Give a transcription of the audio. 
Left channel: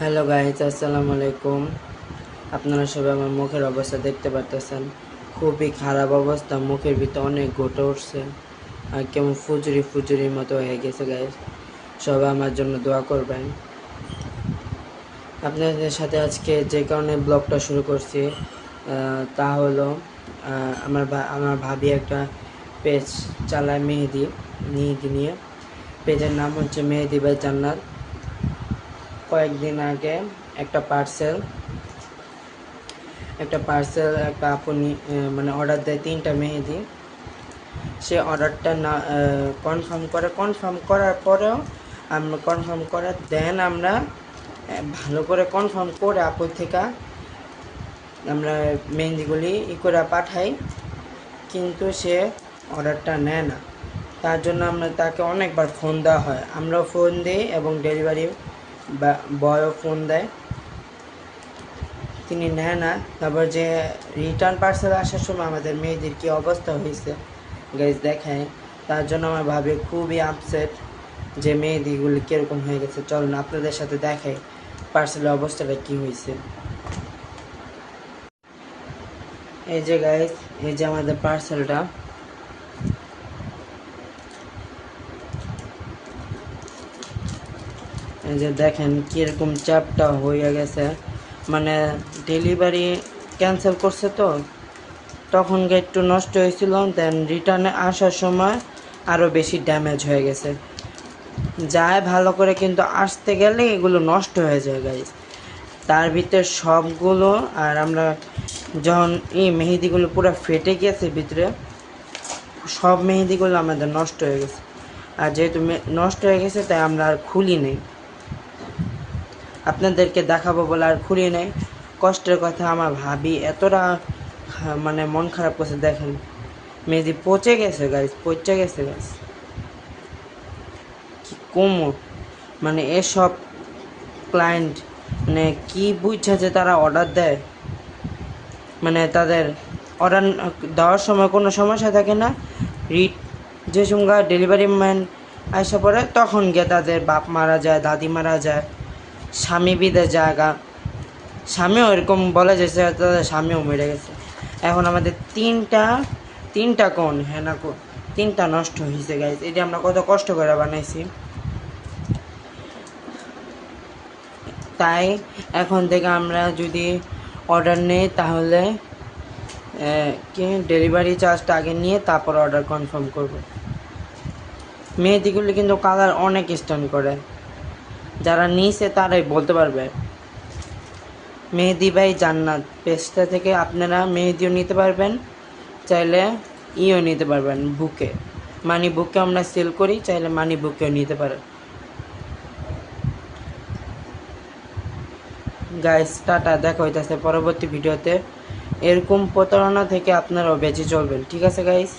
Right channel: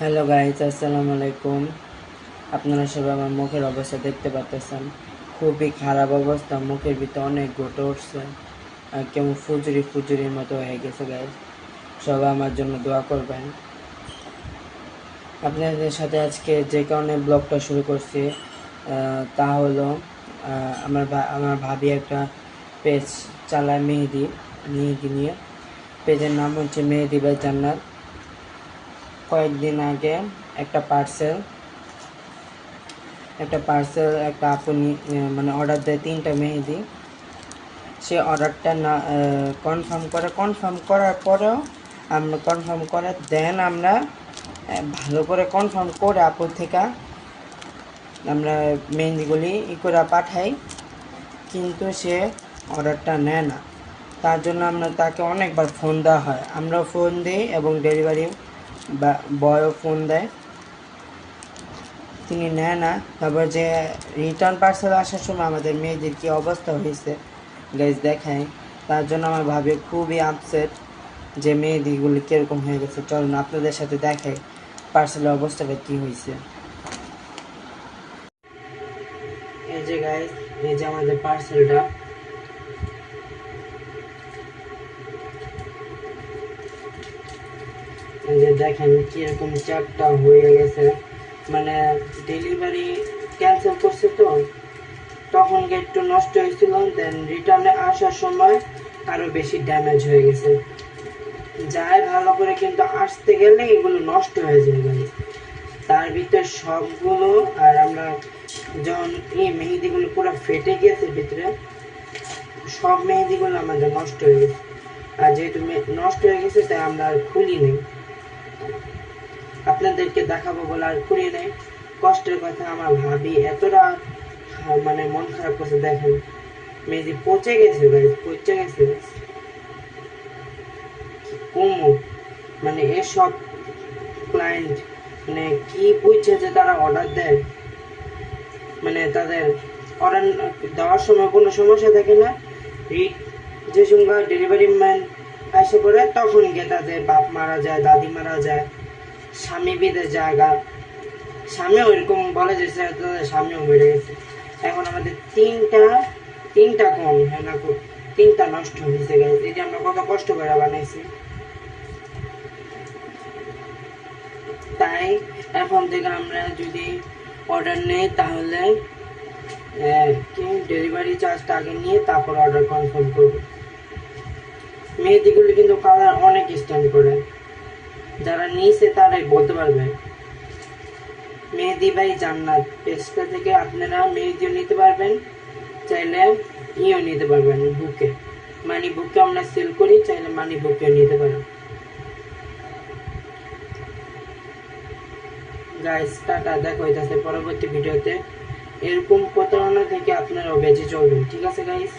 Hello guys, আসসালামু আলাইকুম। আপনারা সবাই আমার মুখের অবস্থা দেখতে পারতেছেন। খুবই খারাপ অবস্থা, মুখের ভিতরে অনেক গোটা উঠছে আর কেমন ফুজুরির মতো হয়ে গেছে গাইস। সবাই আমার জন্য দোয়া করবেন। আপনাদের সাথে আজকে যে কারণে ব্লগটা শুরু করছি তা হলো আমার ভাবি একটা পেজ চালায় মেহেদি নিয়ে। পেজের নাম হচ্ছে মেহেদি বাই জান্নাত। কয়েকদিন আগে একটা পার্সেল একটা আপু মানে অর্ডার দেয় 3টা মেহেদি। সে অর্ডারটা না কনফার্ম করার পরেও আমরা আমরা ভালো করে কনফার্ম করে আপুর থেকে আমরা মেহেদিগুলি করে পাঠাই, কিন্তু সে অর্ডারটা নেয় না। তার জন্য আমরা তাকে অনেকবার ফোন দেওয়া হয়, আমরাও ফোন দিই এবং ডেলিভারি বয়ও ফোন দেয়, তিনি নেয় না। তারপর যে রিটার্ন পার্সেল আসার সময় আমাদের মেয়েদের কী অবস্থা হয়েছে গাইজ দেখায়। তার জন্য আমার ভাবে খুবই আপসেট যে মেহেদিগুলি কীরকম হয়ে গেছে। চলুন আপনাদের সাথে দেখাই পার্সেলের অবস্থাটা কী হয়েছে। এই যে গাইজ, এই যে আমাদের পার্সেলটা। এই যে দেখেন কীরকম চ্যাপটা হয়ে গেছে, মানে ডেলিভারি ক্যান্সেল করছে তো তখন একটু নষ্ট হয়েছিল, দেন রিটার্নে আসার সময় আরও বেশি ড্যামেজ হয়ে গেছে। যায় ভালো করে, কিন্তু আসতে গেলে এগুলো নষ্ট হয়ে যায় গাইজ। তার ভিতরে সবগুলো, আর আমরা যখন এই মেহেদিগুলো পুরো ফেটে গেছে ভিতরে, সব মেহেদিগুলো আমাদের নষ্ট হয়ে গেছে। আর যেহেতু নষ্ট হয়ে গেছে তাই আমরা আর খুলি নেই, আপনাদেরকে দেখাবো বলে আর খুলি নেই। কষ্টের কথা, আমার ভাবি এতটা মানে মন খারাপ করছে। দেখেন মেহেদি পচে গেছে গাইজ, কি কমো, মানে এসব ক্লায়েন্ট মানে কি বুঝছে যে তারা অর্ডার দেয়, মানে তাদের অর্ডার দেওয়ার সময় কোনো সমস্যা থাকে না, যে সময় ডেলিভারি ম্যান আসে পড়ে তখন গিয়ে তাদের বাপ মারা যায়, দাদি মারা যায়, স্বামী বিদের জায়গা, স্বামীও এরকম বলে যে তাদের স্বামীও মরে গেছে। এখন আমাদের তিনটা কোন হ্যাঁ না 3টা নষ্ট হয়েছে গাইজ। এটা আমরা কত কষ্ট করে বানাইছি। তাই এখন থেকে আমরা যদি অর্ডার নেই তাহলে কি ডেলিভারি চার্জটা আগে নিয়ে তারপর অর্ডার কনফার্ম করব। মেহেদিগুলি কিন্তু কালার অনেক স্ট্যান্ড করে, যারা নিয়েছে তারাই বলতে পারবে। মেহেদি বাই জান্নাত পেজটা থেকে আপনারা মেহেদিও নিতে পারবেন, চাইলে নিতে পারবেন বুকে, মানি বুকে আমরা সেল করি, চাইলে মানি বুকেও নিতে পারেন। গাইস টাটা, দেখা হইতাছে পরবর্তী ভিডিওতে। এরকম প্রতারণা থেকে আপনারাও বেঁচে চলবেন, ঠিক আছে গাইস।